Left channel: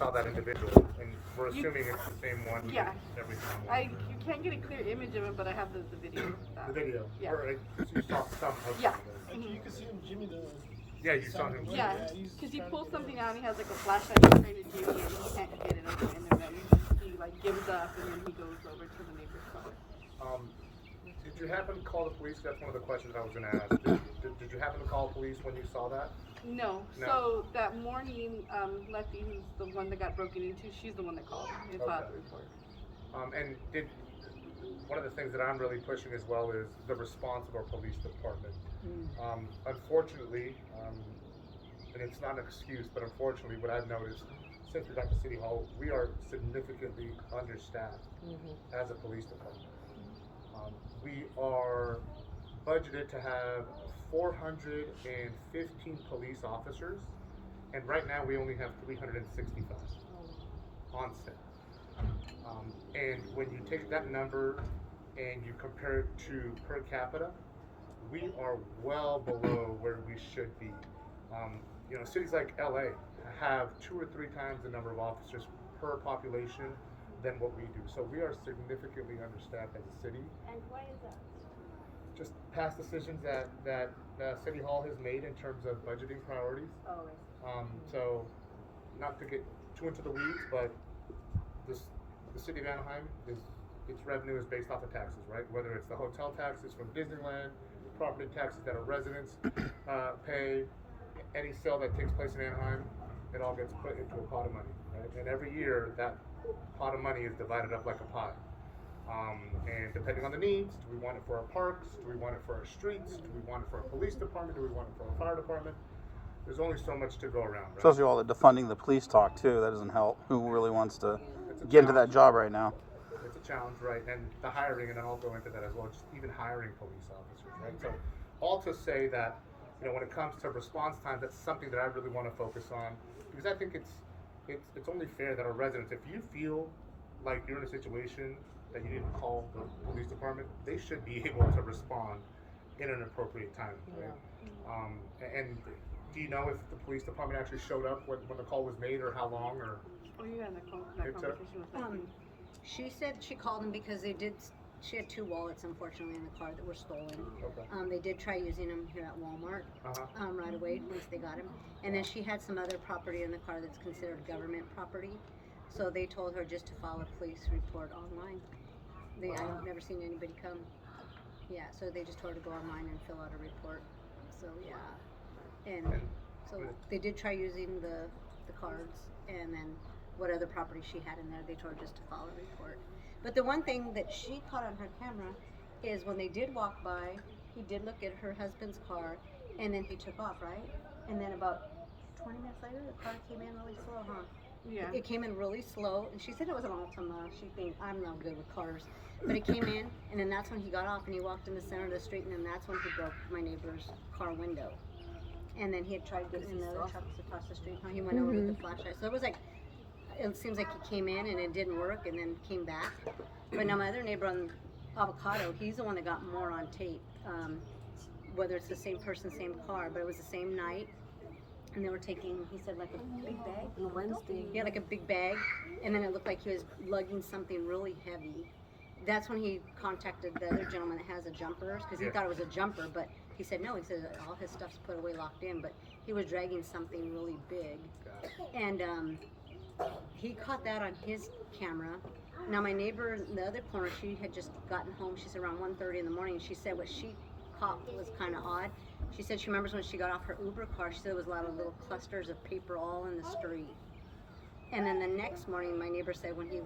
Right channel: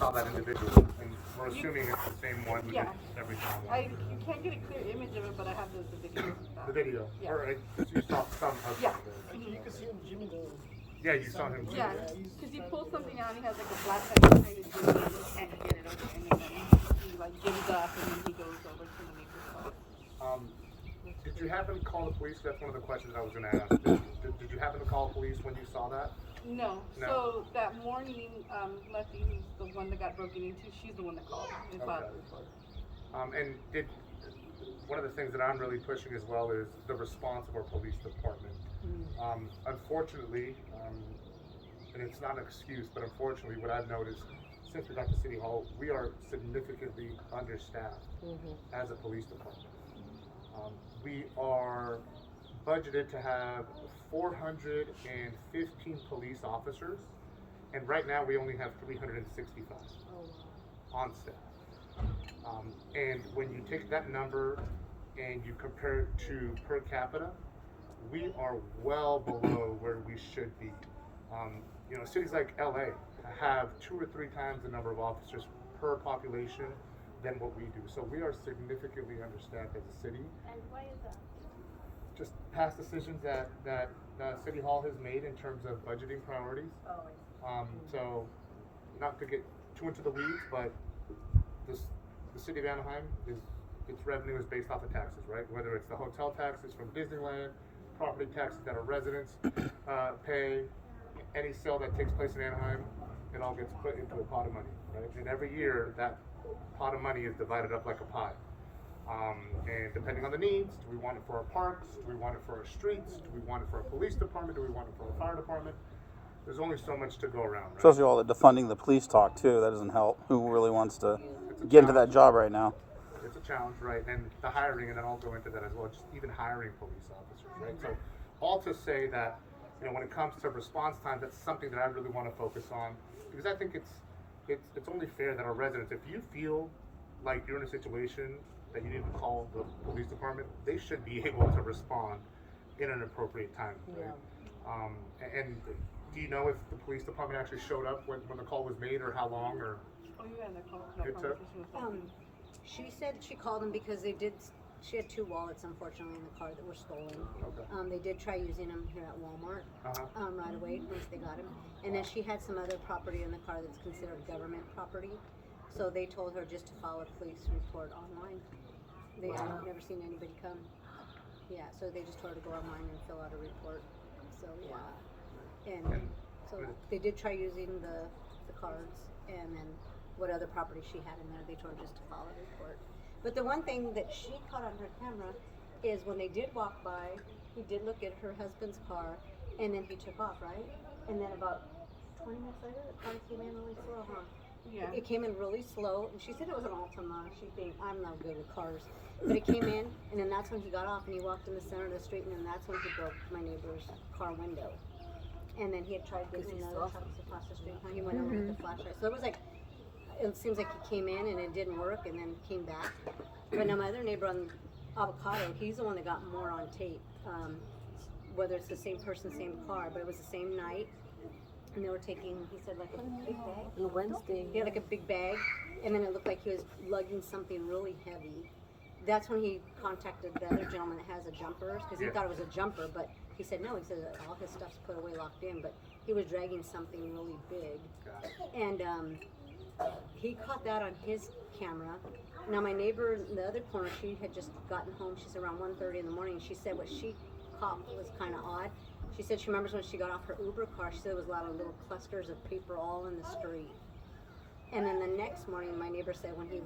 saw that individual, and we're assuming it's the same one who did everything on one. You can't get a clear image of him, but I have the video. The video? Yeah. Or you saw some of Yeah. it. You can see him, Jimmy, though. Yeah, you saw him. Yeah, because he pulls something out and he has like a flashlight he's trying to do it and he can't get it open, and then he like gives up and then he goes over to the neighbor's house. Did you happen to call the police? That's one of the questions I was going to ask. Did you happen to call the police when you saw that? No. No. So that morning, Letty, who's the one that got broken into, she's the one that called and filed the report. And one of the things that I'm really pushing as well is the response of our police department. Unfortunately, and it's not an excuse, but unfortunately what I've noticed since we got to City Hall, we are significantly understaffed as a police department. We are budgeted to have 415 police officers, and right now we only have 365 on staff. And when you take that number and you compare it to per capita, we are well below where we should be. You know, cities like LA have 2 or 3 times the number of officers per population than what we do. So we are significantly understaffed as a city. Just past decisions that City Hall has made in terms of budgeting priorities. So not to get too into the weeds, but the city of Anaheim its revenue is based off of taxes, right? Whether it's the hotel taxes from Disneyland, property taxes that our residents pay, any sale that takes place in Anaheim, it all gets put into a pot of money, right? And every year that pot of money is divided up like a pie. And depending on the needs, do we want it for our parks? Do we want it for our streets? Do we want it for our police department? Do we want it for our fire department? There's only so much to go around, right? Especially all the defunding the police talk too. That doesn't help. Who really wants to get into that job right now? It's a challenge, right? And the hiring, and then I'll go into that as well, just even hiring police officers, right? So all to say that, you know, when it comes to response time, that's something that I really want to focus on, because I think it's only fair that our residents, if you feel like you're in a situation that you need to call the police department, they should be able to respond in an appropriate time, right? And do you know if the police department actually showed up when the call was made, or how long, or? Oh, you got in that conversation with Letty. She said she called them because she had 2 wallets, unfortunately, in the car that were stolen. Okay. They did try using them here at Walmart right away once they got him. And then she had some other property in the car that's considered government property. So they told her just to file a police report online. I've never seen anybody come. Yeah, so they just told her to go online and fill out a report. So yeah, and so they did try using the cards, and then what other property she had in there, they told her just to file a report. But the one thing that she caught on her camera is when they did walk by, he did look at her husband's car, and then he took off, right? And then about 20 minutes later, the car came in really slow, huh? Yeah. It came in really slow, and she said it was an Altima. She thinks I'm not good with cars, but it came in, and then that's when he got off, and he walked in the center of the street, and then that's when he broke my neighbor's car window. And then he had tried getting in the other trucks across the street. He went over with the flashlight. So it was like, it seems like he came in and it didn't work, and then came back. But now my other neighbor on Avocado, he's the one that got more on tape. Whether it's the same person, same car, but it was the same night. And they were taking, he said, like a big bag? Wednesday. Yeah, like a big bag. And then it looked like he was lugging something really heavy. That's when he contacted the other gentleman that has a jumpers, because he thought it was a jumper, but he said no. He said all his stuff's put away, locked in, but he was dragging something really big. And he caught that on his camera. Now my neighbor in the other corner, she had just gotten home. She's around 1:30 in the morning. She said what she caught was kind of odd. She said she remembers when she got off her Uber car, she said there was a lot of little clusters of paper all in the street. And then the next morning, my neighbor said when he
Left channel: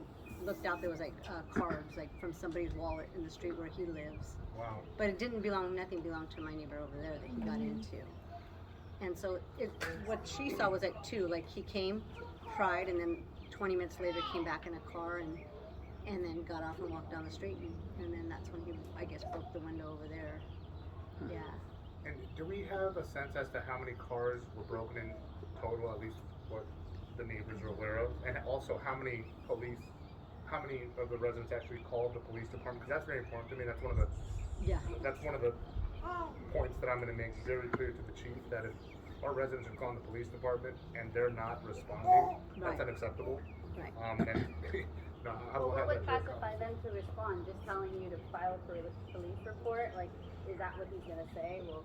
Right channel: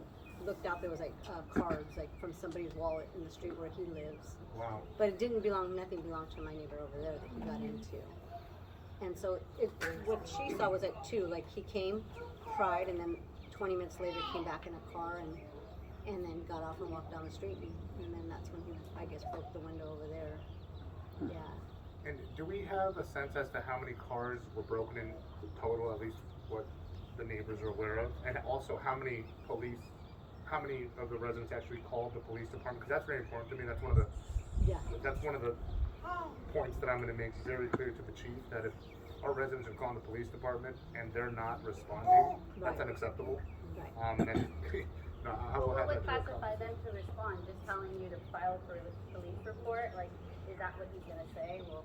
looked out, there was like cards, like from somebody's wallet in the street where he lives. Wow. But it didn't belong, nothing belonged to my neighbor over there that he got into. And so what she saw was like 2, like he came, tried, and then 20 minutes later came back in a car and then got off and walked down the street, and then that's when he, I guess, broke the window over there. Yeah. And do we have a sense as to how many cars were broken in total, at least what the neighbors are aware of? And also how many of the residents actually called the police department? Because that's very important to me. That's one of the points that I'm going to make very clear to the chief, that if our residents are calling the police department and they're not responding, that's Right. unacceptable. Right. And no, I will have What that would to a classify conversation. them to respond? Just telling you to file for the police report? Like, is that what he's gonna say? Well,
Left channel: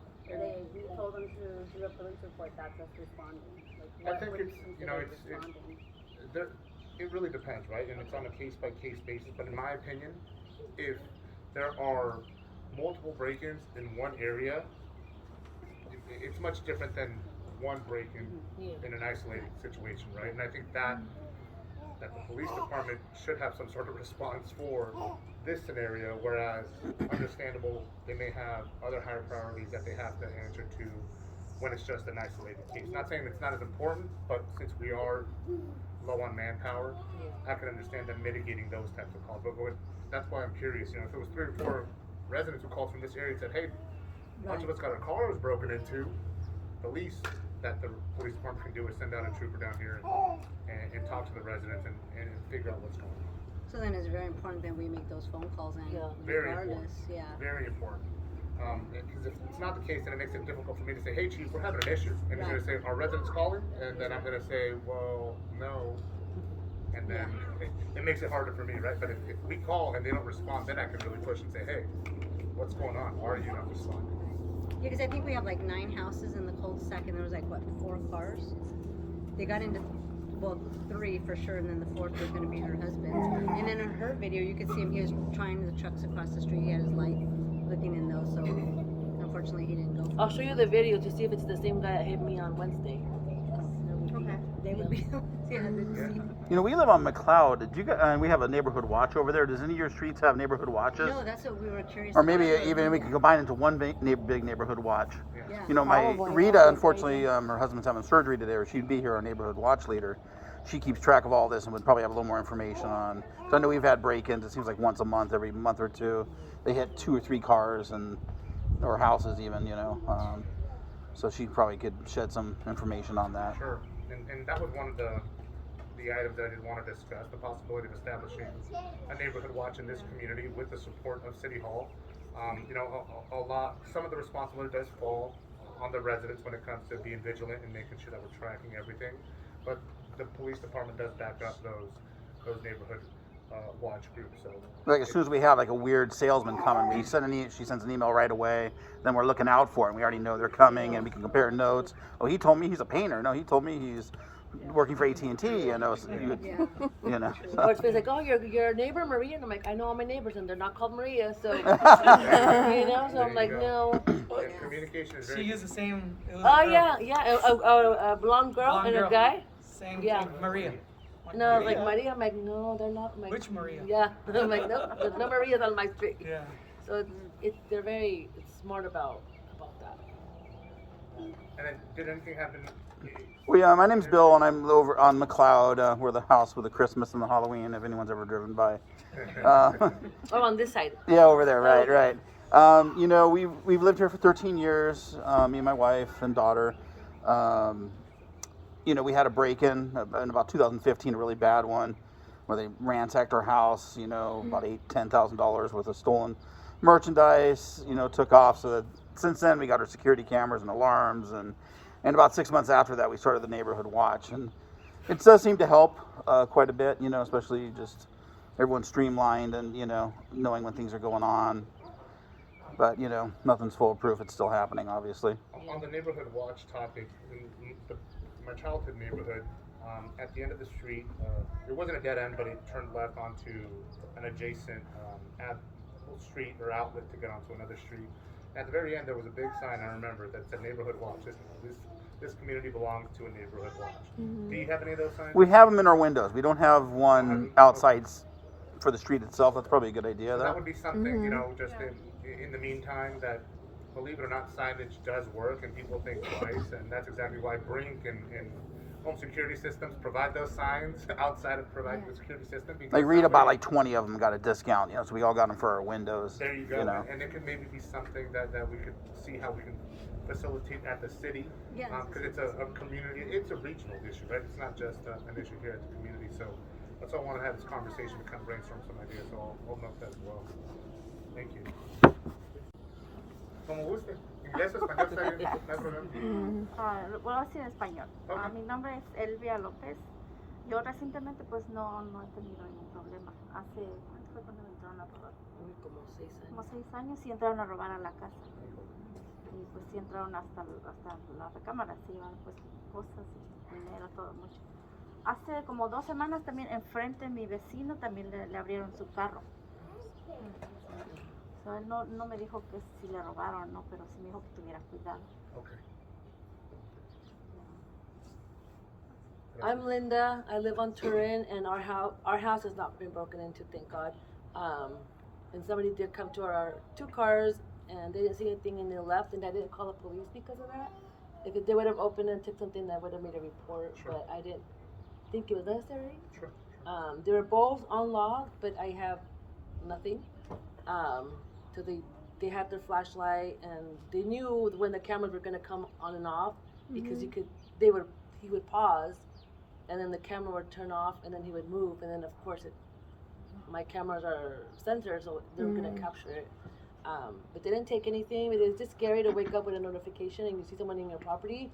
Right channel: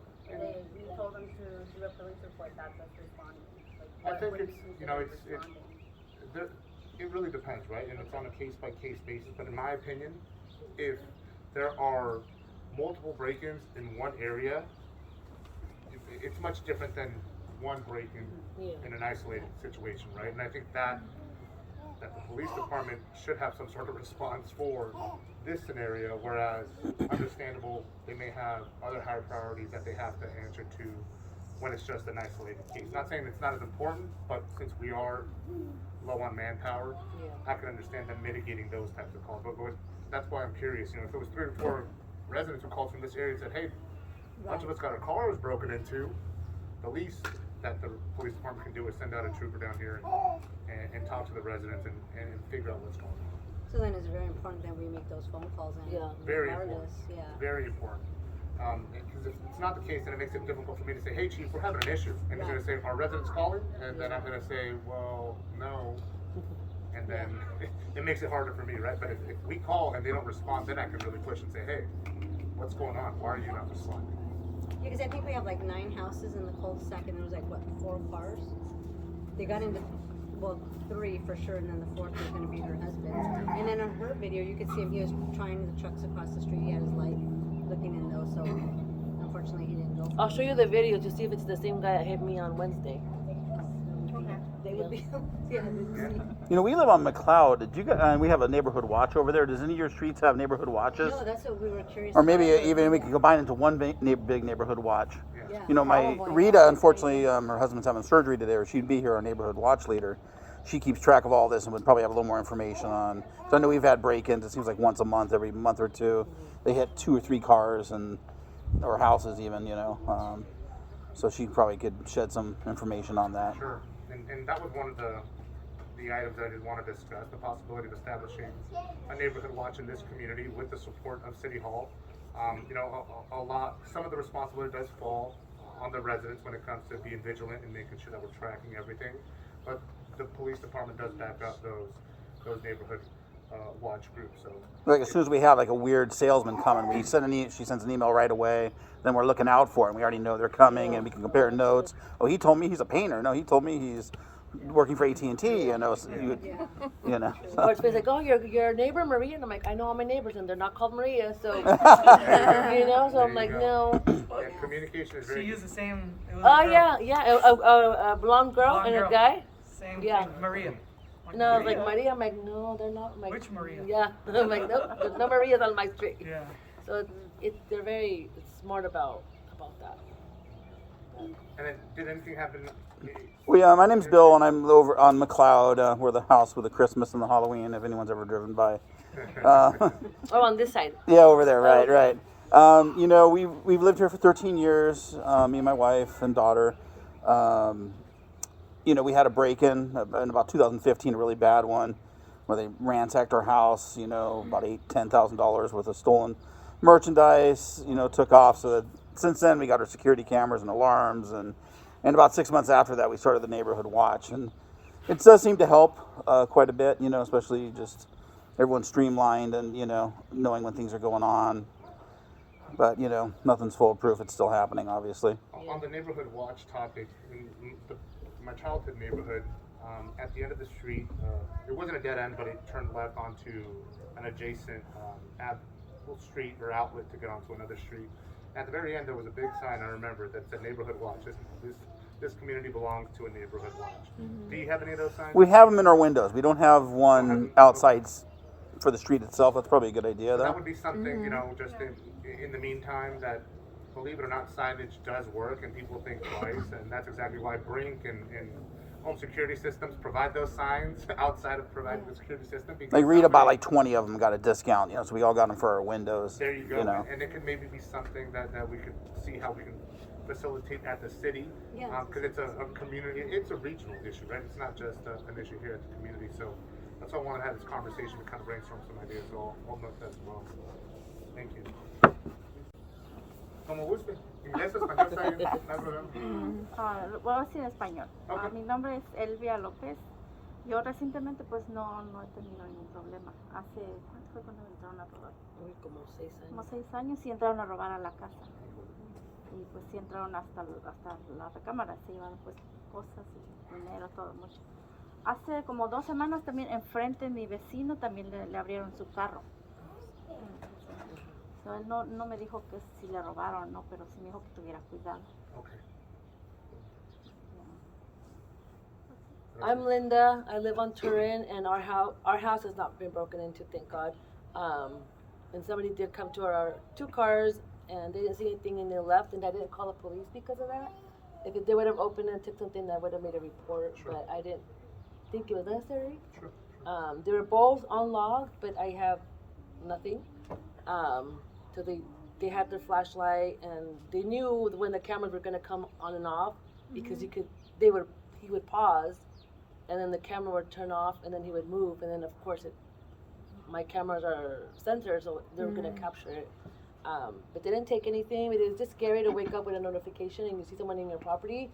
you told him to do a police report, that's us responding. I Like, think what would it's, you you know, consider responding? it really depends, right? And it's on a case by case basis. But in my opinion, if there are multiple break-ins in one area, it's much different than one break-in in an isolated situation, right? And I think that the police department should have some sort of response for this scenario, whereas understandable, they may have other higher priorities that they have to answer to when it's just an isolated case. Not saying it's not as important, but since we are low on manpower, I can understand them mitigating those types of calls. But that's why I'm curious, you know, if it was 3 or 4 residents who called from this area and said, hey, a bunch of us got our car was broken into, the least that the police department can do is send out a trooper down here and talk to the residents and figure out what's going on. So then it's very important that we make those phone calls and Very regardless, important. Very important. Because if it's not the case, then it makes it difficult for me to say, hey, chief, we're having an issue. And he's going to say, are residents calling? And then I'm going to say, well, no. And then it makes it harder for me, right? But if we call and they don't respond, then I can really push and say, hey, what's going on? Why are you not responding? Yeah, because I think we have like 9 houses in the cul-de-sac, and there was like, what, 4 cars? They got into, well, 3 for sure, and then the 4th was going to be her husband's. And then on her video, you could see him, he was trying the trucks across the street. He had his light looking in those, so unfortunately he didn't go. I'll show you the video to see if it's the same guy that hit me on Wednesday. They would be, yeah, they'd see. You know, we live on McLeod. Did you we have a neighborhood watch over there? Does any of your streets have neighborhood watches? No, that's what we were curious Or maybe about. even we could combine into one big neighborhood watch. Yeah. You know, my Probably. Rita, unfortunately, her husband's having surgery today, or she'd be here, our neighborhood watch leader. She keeps track of all this and would probably have a little more information on. So I know we've had break-ins. It seems like once a month, every month or two, they hit 2 or 3 cars or houses even. You know, so she probably could shed some information on that. Sure. And that was one of the items that I did want to discuss, the possibility of establishing a neighborhood watch in this community with the support of City Hall. You know, some of the responsibility does fall on the residents when it comes to being vigilant and making sure that we're tracking everything. But the police department does back up those neighborhood watch groups. So Like as soon as we have like a weird salesman coming, she sends an email right away. Then we're looking out for it. And we already know they're coming, and we can compare notes. Oh, he told me he's a painter. No, he told me he's working for AT&T. You know, so you know. Or it's like, oh, your neighbor Maria, and I'm like, I know all my neighbors, and they're not called Maria, so there you go. you know. So There I'm you like, go. no. Yeah, communication is She very. used the same. It was Oh a girl. yeah, a blonde girl Blonde and girl. a guy. Same Yeah. thing. Maria. And I was like, Maria. I'm like, no, they're not. I'm like, Which Maria? Yeah. I'm like, no, there's no Marias on my street. Yeah. So they're very smart about that. And then, did anything happen? Well, yeah, my name's Bill, and I'm over on McLeod. We're the house with the Christmas and the Halloween, if anyone's ever driven by. Oh, on this side. Yeah, over there, right. You know, we've lived here for 13 years, me and my wife and daughter. You know, we had a break-in in about 2015, a really bad one, where they ransacked our house. You know, about $10,000 worth of stolen merchandise. You know, took off. So that since then, we got our security cameras and alarms, and about 6 months after that, we started the neighborhood watch, and it does seem to help quite a bit. You know, especially just everyone's streamlined and you know knowing when things are going on. But you know, nothing's foolproof. It's still happening, obviously. On the neighborhood watch topic, in my childhood neighborhood, at the end of the street, it wasn't a dead end, but it turned left onto an adjacent street or outlet to get onto another street. At the very end, there was a big sign, I remember, that said neighborhood watch. This community belongs to a neighborhood watch. Do you have any of those signs? We have them in our windows. We don't have one them? outside for the street itself. That's probably a good idea, So though. that would be something, you know, just in the meantime, that, believe it or not, signage does work and people think twice, and that's exactly why Brink and home security systems provide those signs outside of providing the security system. Because Like read about somebody- like 20 of them got a discount, you know, so we all got them for our windows. There you go, you know. and it could maybe be something that we could see how we can facilitate at the city, Yeah. because it's a community, it's a regional issue, right? It's not just an issue here at the community, so that's why I want to have this conversation to kind of brainstorm some ideas, so I'll note that as well. Thank you. Como guste. Inglés, español, está bien, no hay problema. Lo voy a decir en español. Ok. Mi nombre es Elvia López. Yo recientemente pues no he tenido ningún problema. Hace, ¿cuánto fue cuando entraron a robar? Como 6 Como años. 6 años sí entraron a robar a la casa. Y pues sí entraron hasta la recámara, se llevaron pues cosas, dinero, todo mucho. Hace como 2 semanas también enfrente mi vecino también le abrieron su carro. So, él no me dijo pues si le robaron o no, pero sí me dijo que tuviera cuidado. Ok. I'm Linda. I live on Turin, and our house has not been broken into, thank God. And somebody did come to our 2 cars, and they didn't see anything, and they left, and I didn't call the police because of that. If they would have opened and took something, I would have made a report, Sure. but I didn't think it was necessary. Sure. They were both unlocked, but I have nothing. So they had their flashlight, and they knew when the cameras were gonna come on and off because he would pause, and then the camera would turn off, and then he would move, and then of course my cameras are sensors, so they were gonna capture it. But they didn't take anything. But it's just scary to wake up with a notification and you see someone in your property,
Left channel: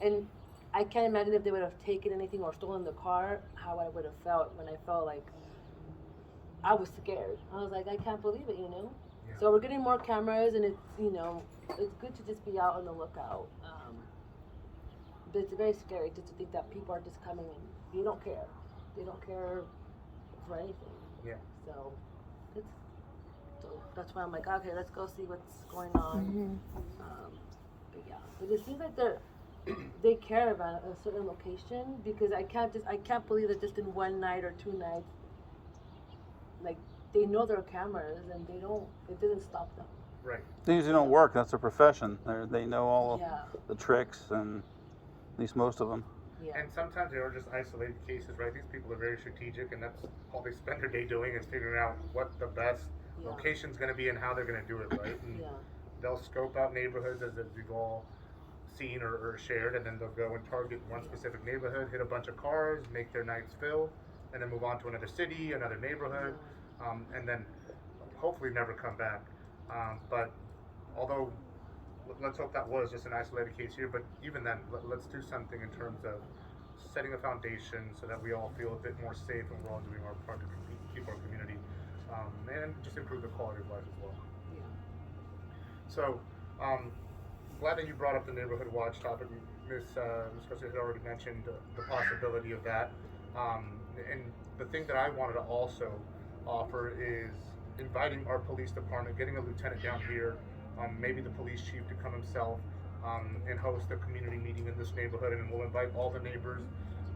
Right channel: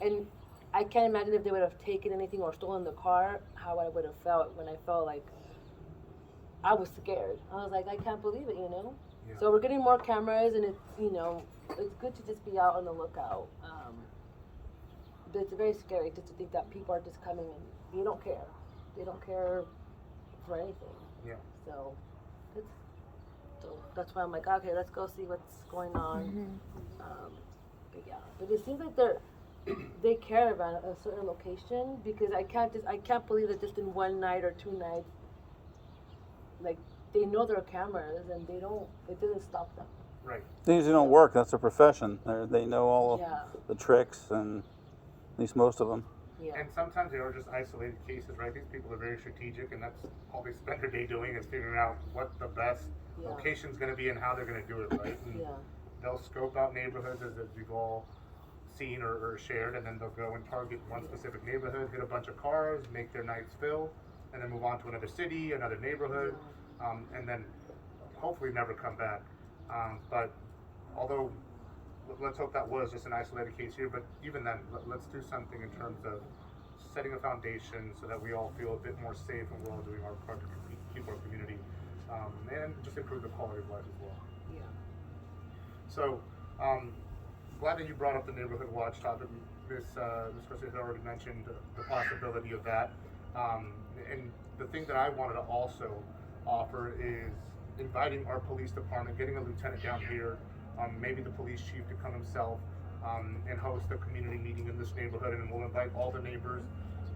and I can't imagine if they would have taken anything or stolen the car, how I would have felt when I felt like I was scared. I was like, I can't believe it, you know? Yeah. So we're getting more cameras, and it's, you know, it's good to just be out on the lookout. But it's very scary just to think that people are just coming and they don't care. They don't care for anything. Yeah. So that's why I'm like, okay, let's go see what's going on. But yeah, but it seems like they care about a certain location, because I can't believe that just in one night or 2 nights, like, they know there are cameras and it doesn't stop them. Right. They usually don't work. That's their profession. They know all Yeah. the tricks, and at least most of them. Yeah. And sometimes they are just isolated cases, right? These people are very strategic, and that's all they spend their day doing is figuring out what the best Yeah. location's going to be and how they're going to do it, right? And Yeah. they'll scope out neighborhoods as we've all seen or shared, and then they'll go and target one specific neighborhood, hit a bunch of cars, make their nights fill, and then move on to another city, another neighborhood, and then hopefully never come back. But although let's hope that was just an isolated case here, but even then, let's do something in terms of setting a foundation so that we all feel a bit more safe and we're all doing our part to keep our community and just improve the quality of life as well. Yeah. So, glad that you brought up the neighborhood watch topic. Ms. Garcia had already mentioned the possibility of that. And the thing that I wanted to also offer is inviting our police department, getting a lieutenant down here, maybe the police chief to come himself and host a community meeting in this neighborhood, and we'll invite all the neighbors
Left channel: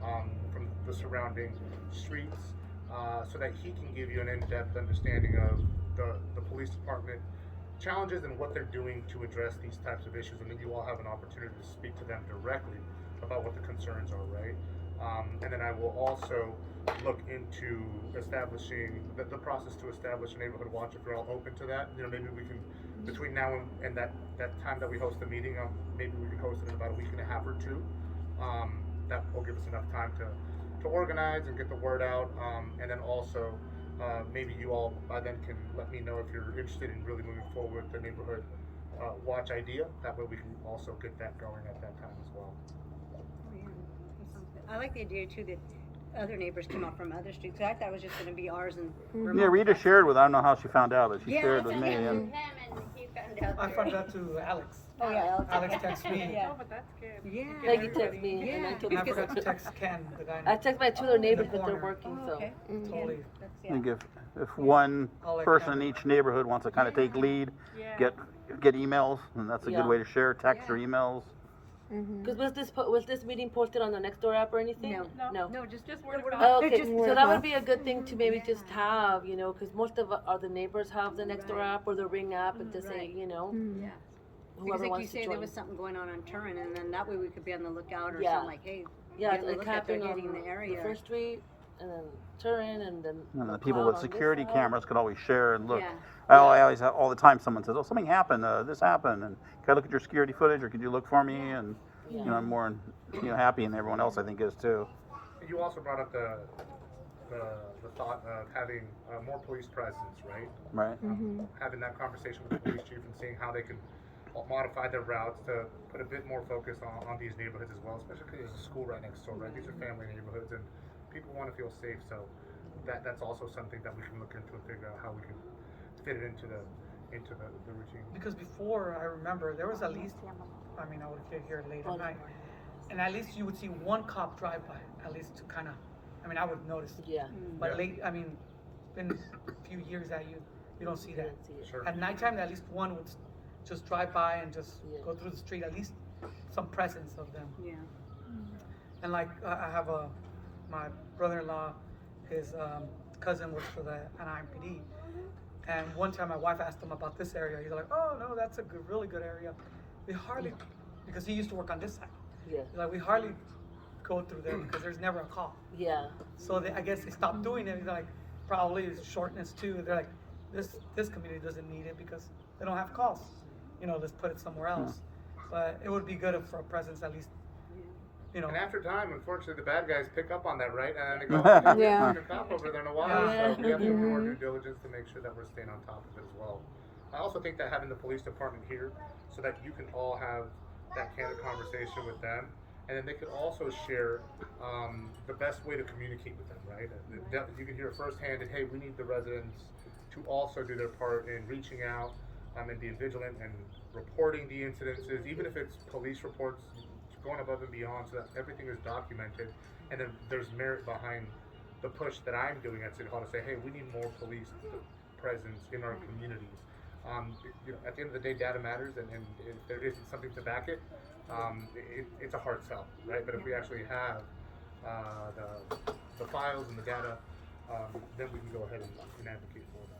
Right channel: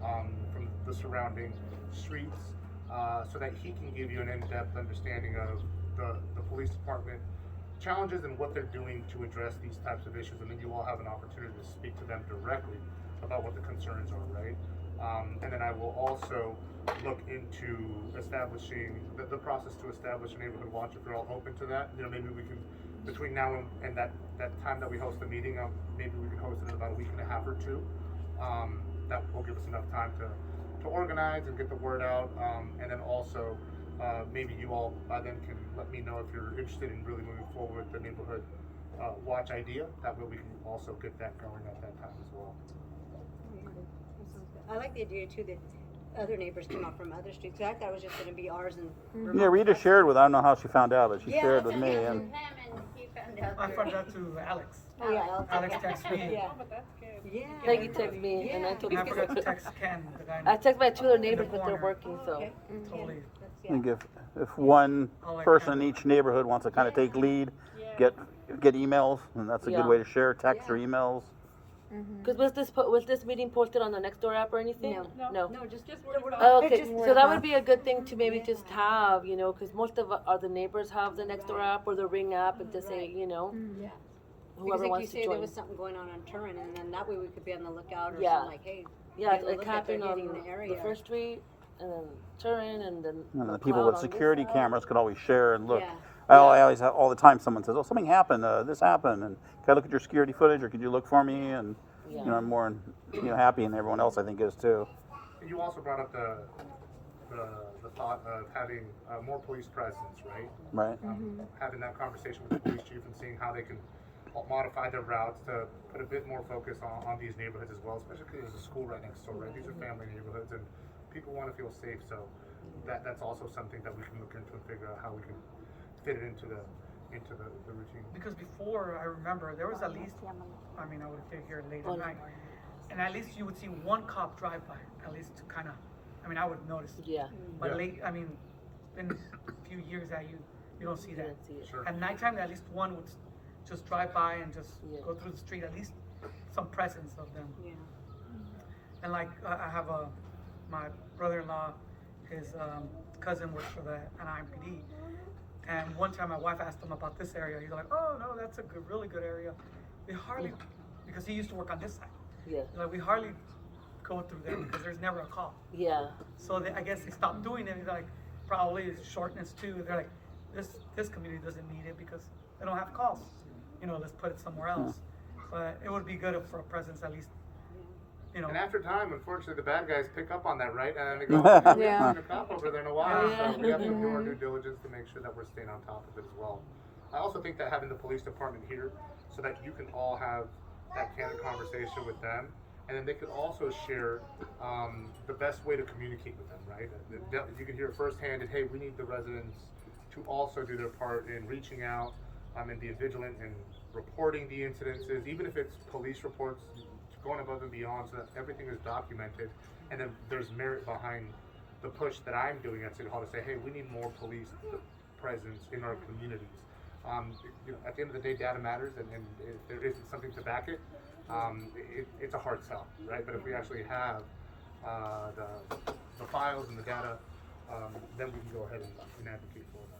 from the surrounding streets so that he can give you an in-depth understanding of the police department challenges and what they're doing to address these types of issues, and then you all have an opportunity to speak to them directly about what the concerns are, right? And then I will also look into establishing the process to establish a neighborhood watch if you're all open to that. You know, maybe we can, between now and that time that we host the meeting, maybe we can host it in about a week and a half or 2. That will give us enough time to organize and get the word out, and then also maybe you all by then can let me know if you're interested in really moving forward with the neighborhood watch idea. That way we can also get that going at that time as well. Oh, yeah, that sounds good. I like the idea too that other neighbors come up from other streets. 'Cause I thought it was just going to be ours and Vermont. Yeah, Rita That's- shared with. I don't know how she found out, but she Yeah, shared that's with it. me. Yeah. And I found out to Alex. Oh yeah, Alex. Alex texted me. Yeah. Oh, but that's good. Yeah. Like you text me, and I Yeah. told And I you. forgot to text Ken, the guy. I text my 2 other neighbors, but they're corner. working, Oh, so. okay. Totally. That's, I think yeah. if one I'll let person Ken in each neighborhood wants to kind of take lead, Yeah. get emails, and that's a Yeah. good way to share text or Yeah. emails. Cause was this meeting posted on the Nextdoor app or anything? No, just word of Oh, okay, Just so word that of would be a good thing to maybe Yeah. just have, you know, because most of the neighbors have the Nextdoor Right. app or the Ring app, and just say, Right. you know, Yeah. Because whoever like you wants say, to there join. was something going on Turin, and then that way we could be on the lookout or Yeah. something like, hey, Yeah, get a it look at they're happened hitting on the area. First Street, and then Turin, and then And the McLeod people with on this security side. cameras could always share and look. Yeah. I always have, all the time someone says, "Oh, something happened. This happened, and can I look at your security footage, or could you look for me?" And Yeah. you know, I'm more happy, and everyone else I think is too. You also brought up the thought of having more police presence, right? Right. Having that conversation with the police chief and seeing how they can modify their routes to put a bit more focus on these neighborhoods as well, especially because there's a school right next door, right? These are family neighborhoods and people want to feel safe, so that's also something that we can look into and figure out how we can fit it into the routine. Because before, I remember, there was at least, I mean, I would get here late at night, and at least you would see one cop drive by, at least to kind of, I mean, I would notice. Yeah. But Yeah. late, I mean, it's been a few years that you don't see that. Didn't see it. Sure. At nighttime, at least one would just drive by and just Yeah. go through the street, at least some presence of them. Yeah. And like, I have my brother-in-law, his cousin works for the Anaheim PD. And one time my wife asked him about this area. He's like, oh no, that's a good, really good area. We hardly, because he used to work on this side. Yeah. Like we hardly go through there because there's never a call. Yeah. So I guess they stopped doing it. He's like, probably it's shortness too. They're like, this community doesn't need it because they don't have calls. You know, let's put it somewhere else. But it would be good for a presence at least. You know. And after time, unfortunately, the bad guys pick up on that, right? And they go, oh, we haven't seen a cop over there in a while. So we have to do our due diligence to make sure that we're staying on top of it as well. I also think that having the police department here so that you can all have that candid conversation with them, and then they could also share the best way to communicate with them, right? You can hear it firsthand, and hey, we need the residents to also do their part in reaching out and being vigilant and reporting the incidences, even if it's police reports, going above and beyond so that everything is documented, and then there's merit behind the push that I'm doing at City Hall to say, hey, we need more police presence in our communities. You know, at the end of the day, data matters, and if there isn't something to back it, it's a hard sell, right? But if we actually have the files and the data, then we can go ahead and advocate for that.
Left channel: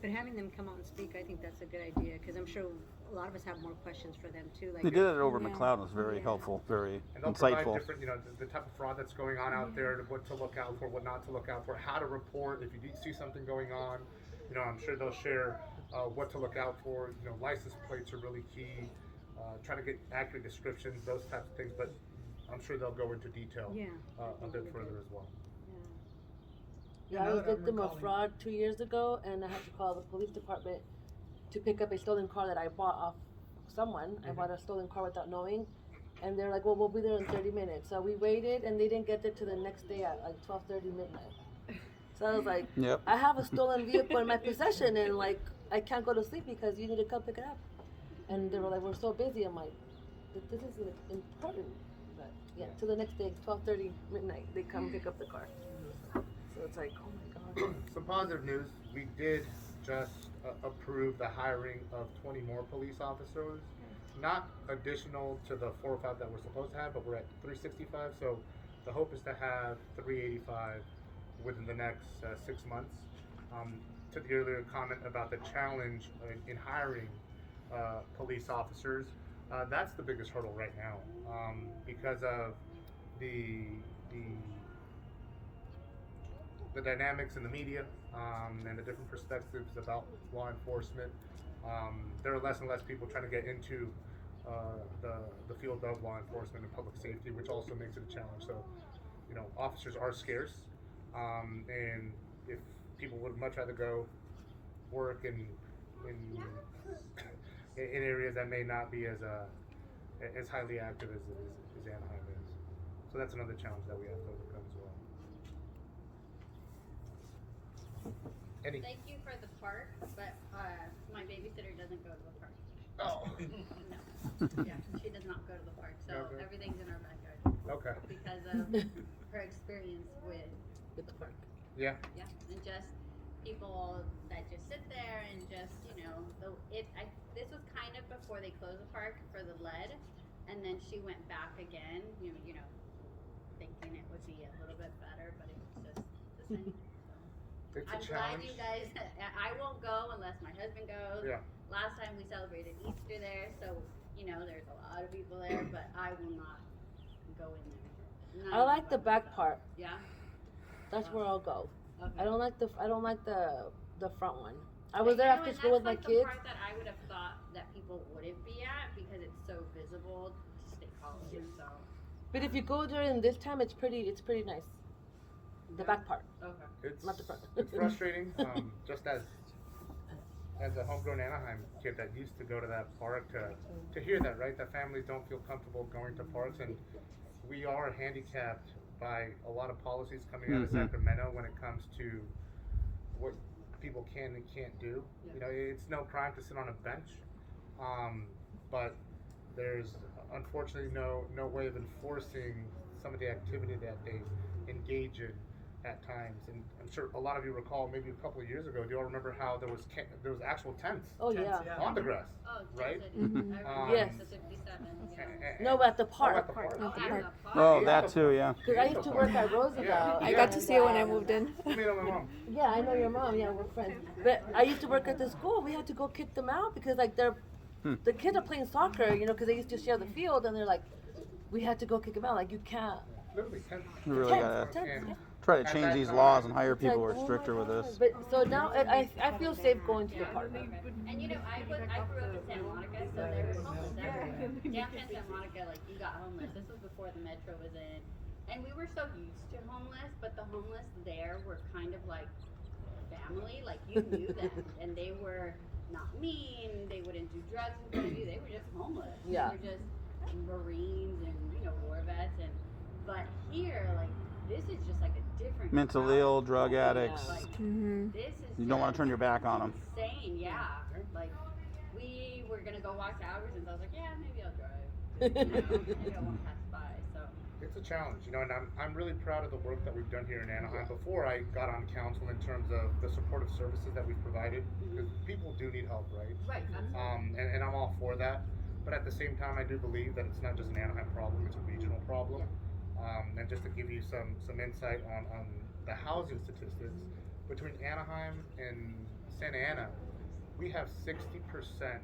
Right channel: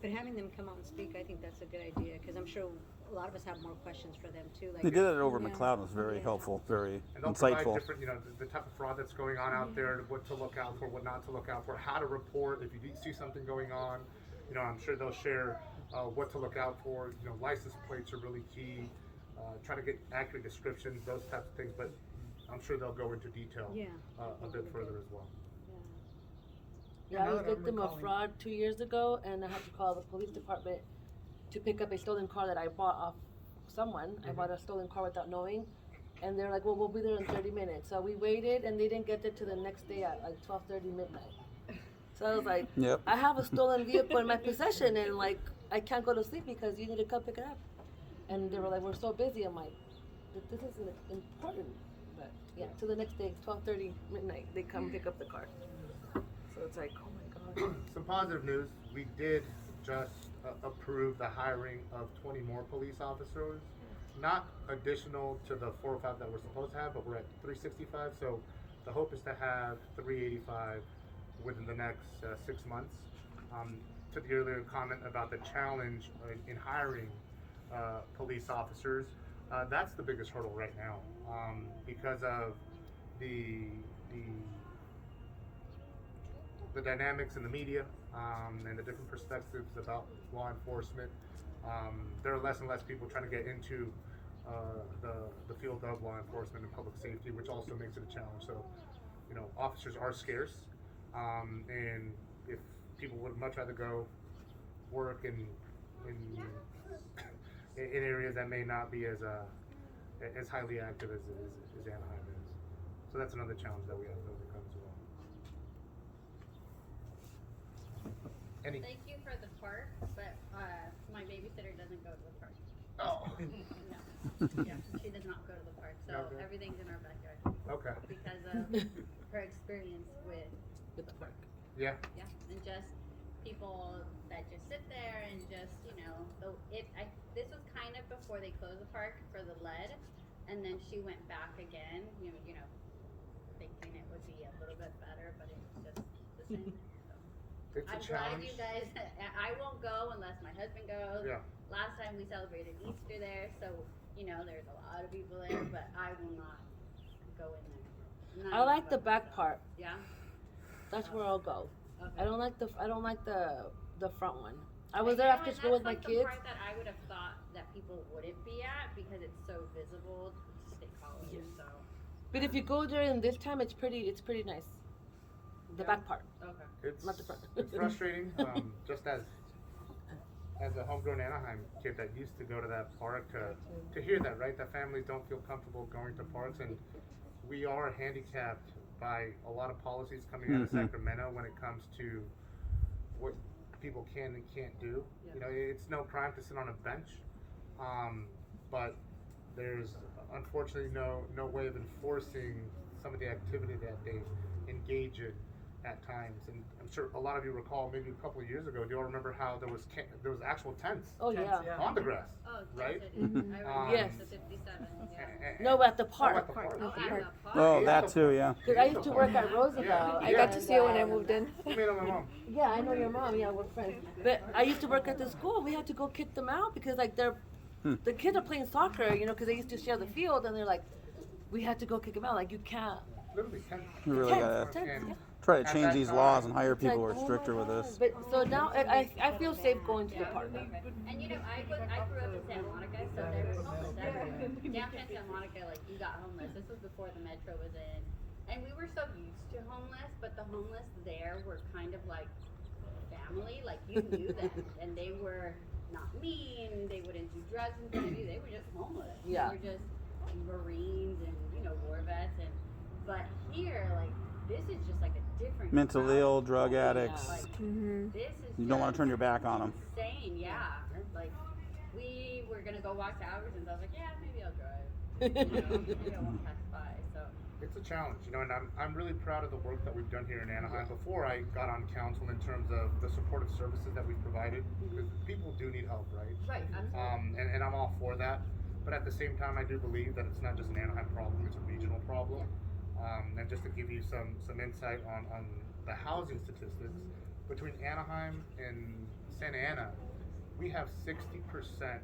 But having them come out and speak, I think that's a good idea, because I'm sure a lot of us have more questions for them too. Like They did it over in Yeah. McLeod. It was very Yeah. helpful, very And they'll provide insightful. different, you know, the type of fraud that's going on out there, what to look out for, what not to look out for, how to report if you do see something going on. You know, I'm sure they'll share what to look out for. You know, license plates are really key. Try to get accurate descriptions, those types of things. But I'm sure they'll go into detail Yeah. a bit further as well. Yeah, I was Another victim of recalling. fraud 2 years ago, and I had to call the police department to pick up a stolen car that I bought off someone. I bought a stolen car without knowing, and they're like, "Well, we'll be there in 30 minutes." So we waited, and they didn't get there till the next day at like 12:30 midnight. So I was like, Yep. "I have a stolen vehicle in my possession, and like I can't go to sleep because you need to come pick it up." And they were like, "We're so busy." I'm like, "This is important." But yeah, till the next day, 12:30 midnight, they come pick up the car. So it's like, oh my god. Some positive news. We did just approve the hiring of 20 more police officers. Not additional to the 4 or 5 that we're supposed to have, but we're at 365. So the hope is to have 385 within the next 6 months. To the earlier comment about the challenge in hiring police officers, that's the biggest hurdle right now because of the dynamics in the media and the different perspectives about law enforcement. There are less and less people trying to get into the field of law enforcement and public safety, which also makes it a challenge. So, you know, officers are scarce, and if people would much rather go work in areas that may not be as highly active as Anaheim is. So that's another challenge that we have to overcome as well. Any? Thank you for the park, but my babysitter doesn't go to the park. Oh. No. Yeah, she does not go to the park, so Okay. everything's in our backyard Okay. because of her experience with With the park. Yeah. yeah, and just people that just sit there and just this was kind of before they closed the park for the lead, and then she went back again, you know, thinking it would be a little bit better, but it's just the same. It's a I'm glad challenge. you guys. I won't go unless my husband goes. Yeah. Last time we celebrated Easter there, so there's a lot of people there, but I will not go in there. I like the back part. Yeah. That's where I'll go. Okay. I don't like the front one. I was there after And school with my that's kids. the part that I would have thought that people wouldn't be at because it's so visible to State College. So But if you go during this time, it's pretty nice. The back part. Okay. It's Not the front. it's frustrating. Just as a homegrown Anaheim kid that used to go to that park to hear that, right? That families don't feel comfortable going to parks, and we are handicapped by a lot of policies coming out of Sacramento when it comes to what people can and can't do. You know, it's no crime to sit on a bench, but there's unfortunately no way of enforcing some of the activity that they engage in at times. And I'm sure a lot of you recall maybe a couple of years ago. Do you all remember how there was actual tents Oh yeah. on the grass, Oh, right? Yes. The 57. No, at the park. Oh, at the park. Here. Oh, that too, yeah. Because I used to work at Roosevelt. Yeah. I got to see it when I moved in. You may know my mom. Yeah, I know your mom. Yeah, we're friends. But I used to work at the school. We had to go kick them out because like the kids are playing soccer, you know, because they used to share the field, and they're like, we had to go kick them out. Like you can't. Literally tents. We really gotta And try to at change that these time- laws and hire It's people like, who are oh stricter my with God. this. But so now I feel safe going to the park. And you know, I grew up in Santa Monica, so there was homeless everywhere. Downtown Santa Monica, like you got homeless. This was before the metro was in, and we were so used to homeless, but the homeless there were kind of like family. Like you knew them, and they were not mean. They wouldn't do drugs in front of you. They were just homeless. Yeah. They were just Marines and war vets, and but here, like this is just like a different Mentally crowd. ill, drug addicts. Like, this is You don't want to just turn your back on them. insane, yeah. Like, we were gonna go walk to Albertsons. I was like, yeah, maybe I'll drive. Maybe I won't pass by. So, It's a challenge, you know, and I'm really proud of the work that we've done here in Anaheim. Before I got on council, in terms of the supportive services that we've provided, because people do need help, right? right, absolutely. And I'm all for that. But at the same time, I do believe that it's not just an Anaheim problem; it's a regional problem. And just to give you some insight on the housing statistics, between Anaheim and Santa Ana, we have 60%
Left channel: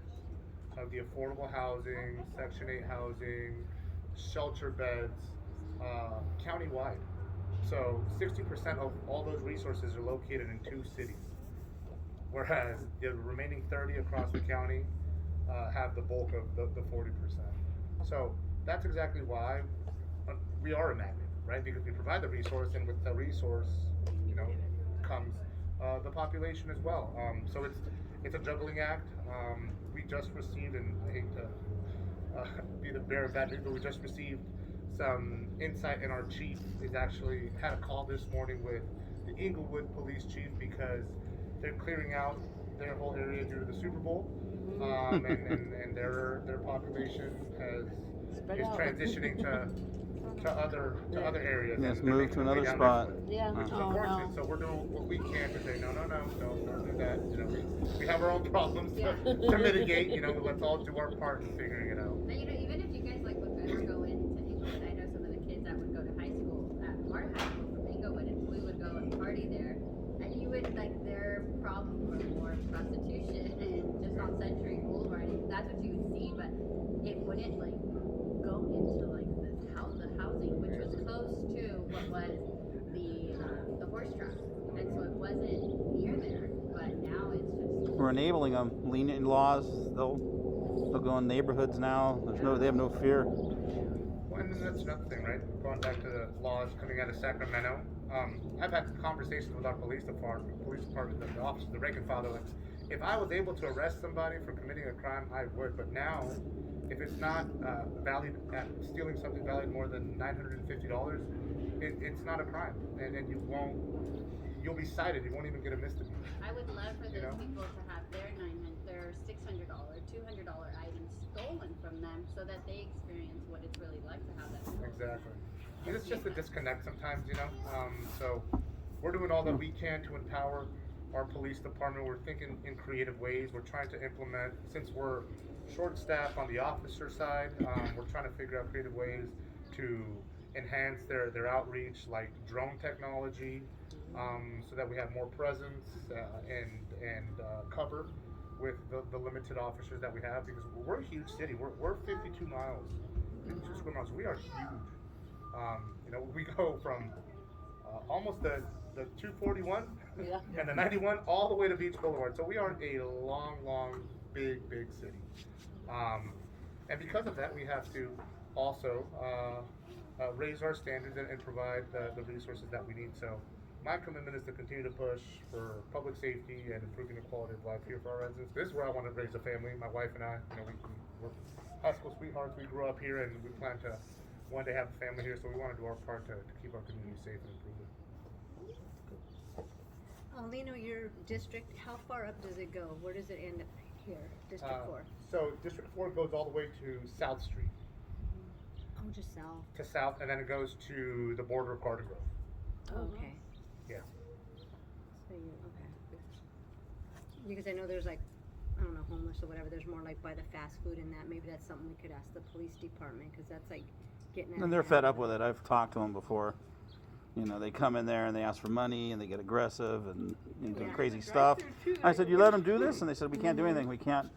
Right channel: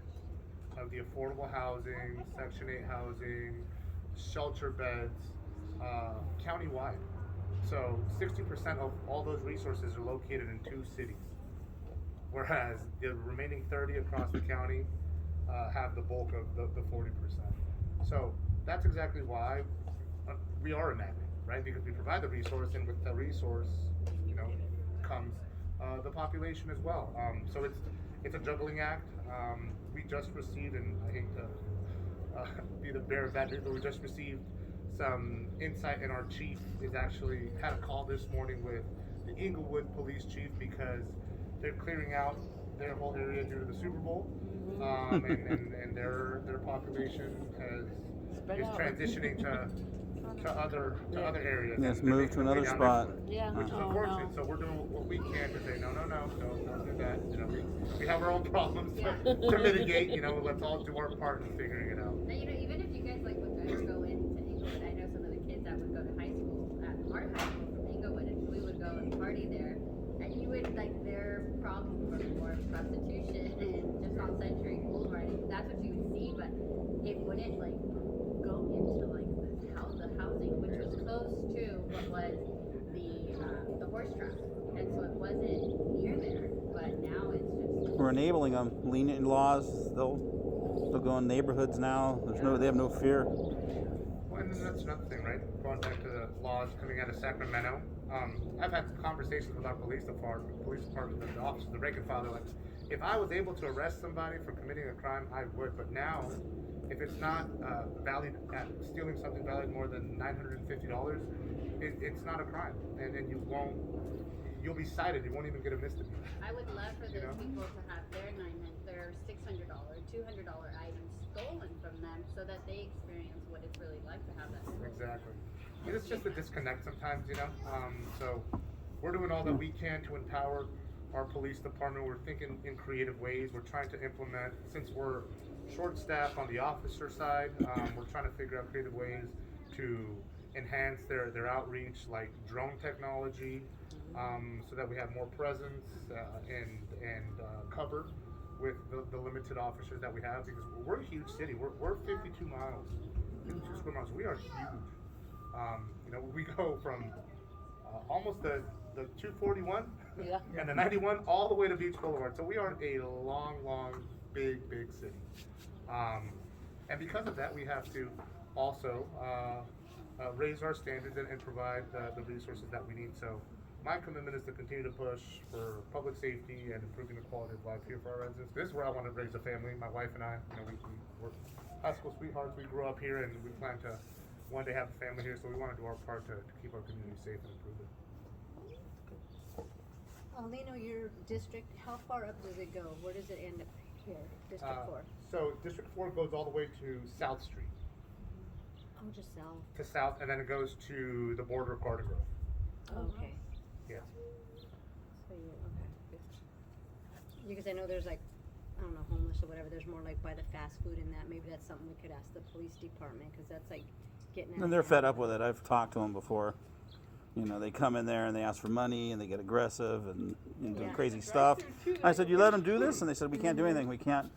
of the affordable housing, Section 8 housing, shelter beds, countywide. So 60% of all those resources are located in 2 cities, whereas the remaining 30 across the county have the bulk of the 40%. So that's exactly why we are a magnet, right? Because we provide the resource, and with the resource, you know, comes the population as well. So it's a juggling act. We just received, and I hate to be the bearer of bad news, but we just received some insight, and our chief is actually had a call this morning with the Inglewood police chief because they're clearing out their whole area due to the Super Bowl, and their population is transitioning to other areas. Yes, and they're move making to their way another down this spot. way, Yeah. which is unfortunate. So we're doing what we can to say no, don't do that. You know, we have our own problems to mitigate. You know, let's all do our part in figuring it out. Now, even if you guys like would ever go into Inglewood, I know some of the kids that would go to high school at our high school from Inglewood, and we would go and party there, and you would like their problem was more prostitution and just on Century pool parties. That's what you would see, but it wouldn't like go into like the housing, which was close to what was the horse track, and so it wasn't near there. But now it's just We're enabling them. Lenient laws. They'll go in neighborhoods now. They have no fear. Well, and then that's another thing, right? Going back to the laws coming out of Sacramento. I've had conversations with our police department, the officers, the rank and file. They're like, if I was able to arrest somebody for committing a crime, I would. But now, if it's not valued at stealing something valued more than $950, it's not a crime, and you'll be cited. You won't even get a misdemeanor. I would love for those You know? people to have their $600, $200 items stolen from them, so that they experience what it's really like to have that. Exactly. And it's just a disconnect sometimes, you know. So we're doing all that we can to empower our police department. We're thinking in creative ways. We're trying to implement, since we're short-staffed on the officer side, we're trying to figure out creative ways to enhance their outreach, like drone technology, so that we have more presence and cover with the limited officers that we have, because we're a huge city. We're 52 miles, 52 square miles. We are huge. You know, we go from almost the 241 Yeah. and the 91 all the way to Beach Boulevard. So we are a long, big city. And because of that, we have to also raise our standards and provide the resources that we need. So my commitment is to continue to push for public safety and improving the quality of life here for our residents. This is where I want to raise a family. My wife and I, we're high school sweethearts. We grew up here, and we plan to one day have a family here. So we want to do our part to keep our community safe and improve it. Avelino, your district, how far up does it go? Where does it end up here, District 4? So District 4 goes all the way to South Street, Oh, just south. to South, and then it goes to the border of Garden Grove. Oh, okay. Yeah. So you, okay. Because I know there's like, I don't know, homeless or whatever, there's more like by the fast food and that, maybe that's something we could ask the police department, because that's like getting out of And they're fed hand. up with it. I've talked to them before. You know, they come in there and they ask for money and they get aggressive and do Yeah. crazy stuff. I said, you let them do this? And they said, we can't do anything. We can't,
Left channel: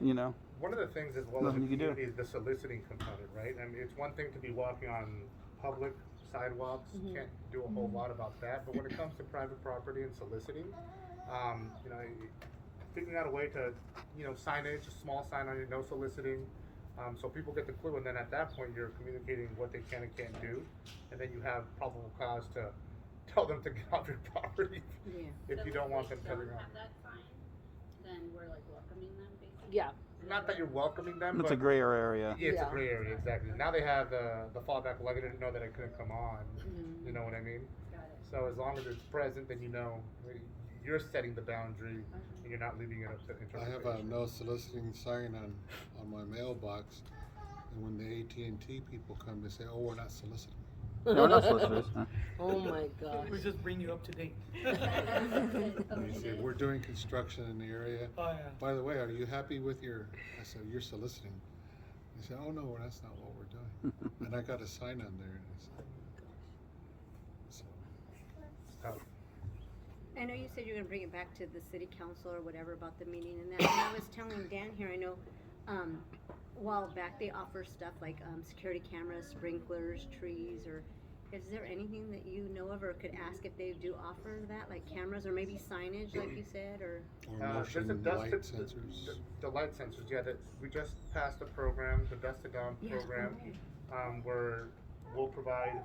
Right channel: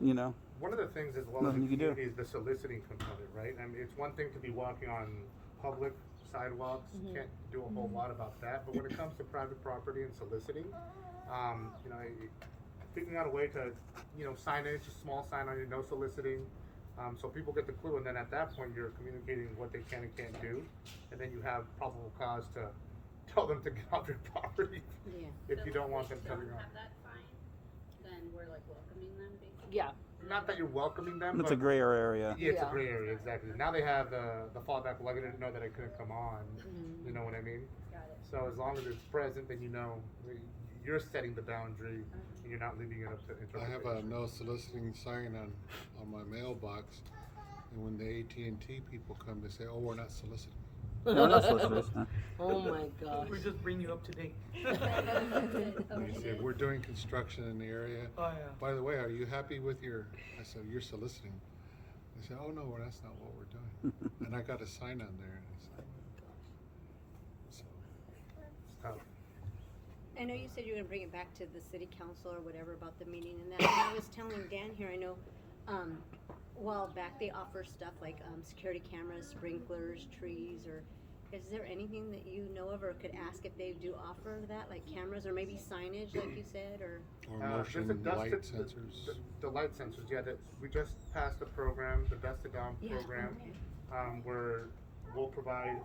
you know. One of the things as well as Nothing the you can do. community is the soliciting component, right? I mean, it's one thing to be walking on public sidewalks, can't do a whole lot about that, but when it comes to private property and soliciting, figuring out a way to, signage, a small sign on it, no soliciting, so people get the clue, and then at that point you're communicating what they can and can't do, and then you have probable cause to tell them to get off your property Yeah. if you don't want them If coming don't on. have that sign, then we're like welcoming them basically. Yeah. Not that you're welcoming them, It's but a gray area. yeah, it's a Yeah. gray area, exactly. Now they have the fallback, well, I didn't know that I couldn't come on, you know what I mean? Got it. So as long as it's present, then you're setting the boundary, and you're not leaving it up to I interpretation. have a no soliciting sign on my mailbox, and when the AT&T people come, they say, "Oh, we're not soliciting." No, that's what it is. Oh my gosh. We just bring you up to date. And they say, "We're doing construction in the area. Oh, yeah. By the way, are you happy with your?" I said, "You're soliciting." They said, "Oh no, that's not what we're doing." And I got a sign on there. And I said, so, I know you said you were gonna bring it back to the city council or whatever about the meeting and that, and I was telling Dan here, I know, a while back, they offer stuff like, security cameras, sprinklers, trees, or is there anything that you know of or could ask if they do offer that, like cameras or maybe signage, like you said, or? or There's motion the dust light to, sensors. the light sensors, yeah, that we just passed a program, the Dust to Dawn Yeah, program, okay. where we'll provide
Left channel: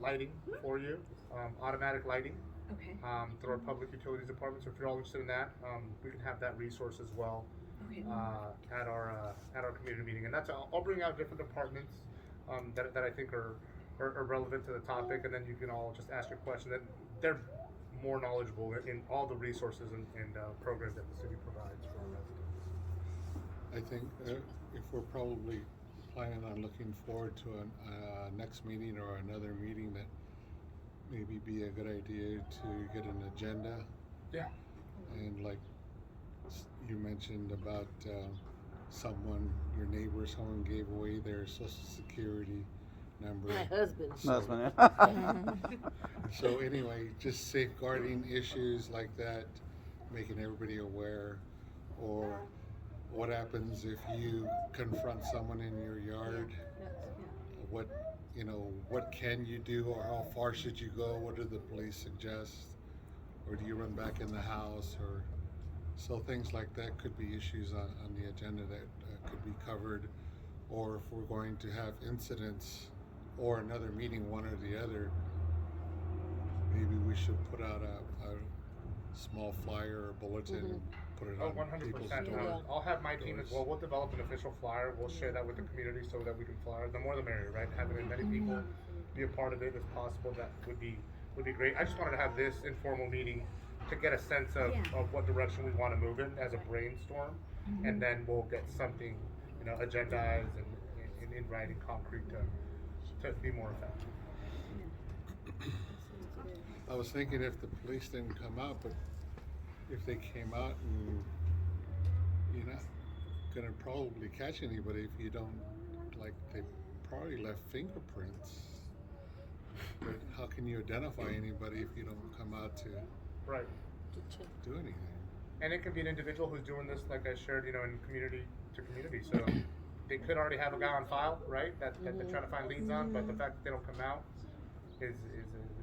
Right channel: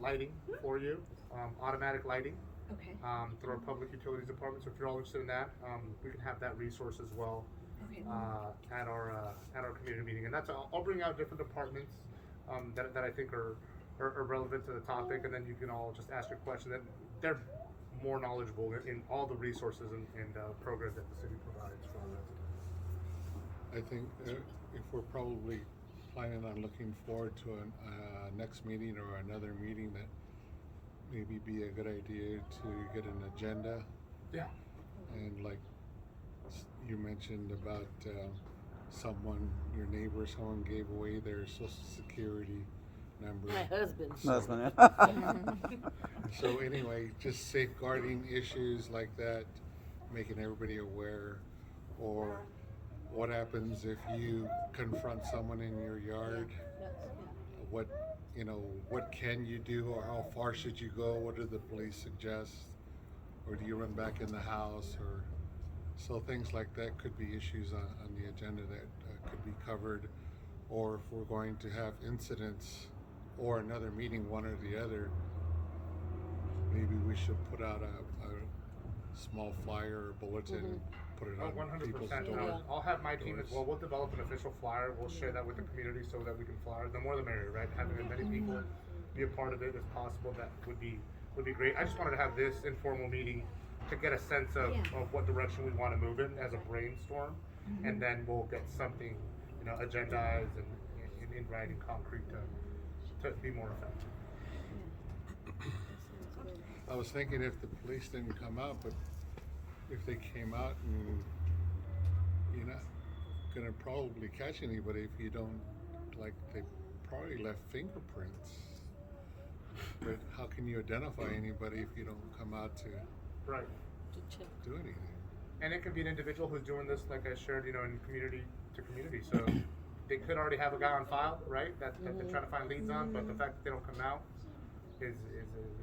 lighting for you, automatic lighting, Okay, through our public utilities department. So if you're all interested in that, we can have that resource as well okay. at our community meeting. And that's I'll bring out different departments that I think are relevant to the topic, and then you can all just ask your question. That they're more knowledgeable in all the resources and programs that the city provides for our residents. I think if we're probably planning on looking forward to a next meeting or another meeting, that maybe be a good idea to get an agenda. Yeah. And like you mentioned about your neighbor, someone gave away their social security number. My husband. Husband, So anyway, just safeguarding issues like that, making everybody aware, or what happens if you confront someone in your yard? That's, What can you do, or how far should you go? What do the police suggest? Or do you run back in the house? Or so things like that could be issues on the agenda that could be covered. Or if we're going to have incidents or another meeting, one or the other, maybe we should put out a small flyer or bulletin, put it Oh, on 100%. people's Yeah. I'll have my team as well. We'll develop an official flyer. We'll share that with the community so that we can flyer. The more the merrier, right? Having as many people be a part of it as possible, that would be great. I just wanted to have this informal meeting to get a sense of, Yeah. of what direction we want to move in as a brainstorm, and then we'll get something, agendized and in writing, concrete to be more effective. that sounds good. I was thinking if the police didn't come out, but if they came out, and you're not gonna probably catch anybody if you don't, like, they probably left fingerprints. But how can you identify anybody if you don't come out to Right. To check. do anything? And it could be an individual who's doing this, like I shared, in community to community. So they could already have a guy on file, right? That they're trying to find leads on, but the fact that they don't come out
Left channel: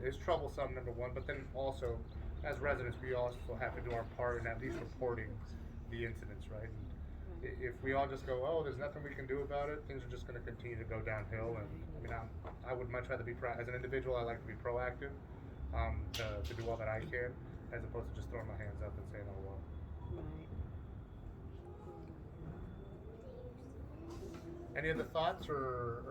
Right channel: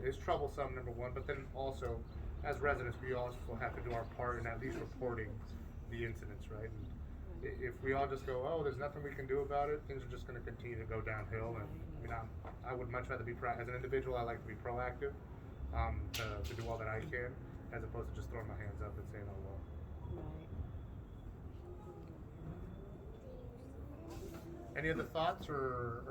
is troublesome, number one. But then also, as residents, we also have to do our part in at least reporting the incidents, right? And if we all just go, oh, there's nothing we can do about it, things are just going to continue to go downhill. And I mean, I would much rather be as an individual. I like to be proactive, to do all that I can, as opposed to just throwing my hands up and saying, oh well. Right. Any other thoughts or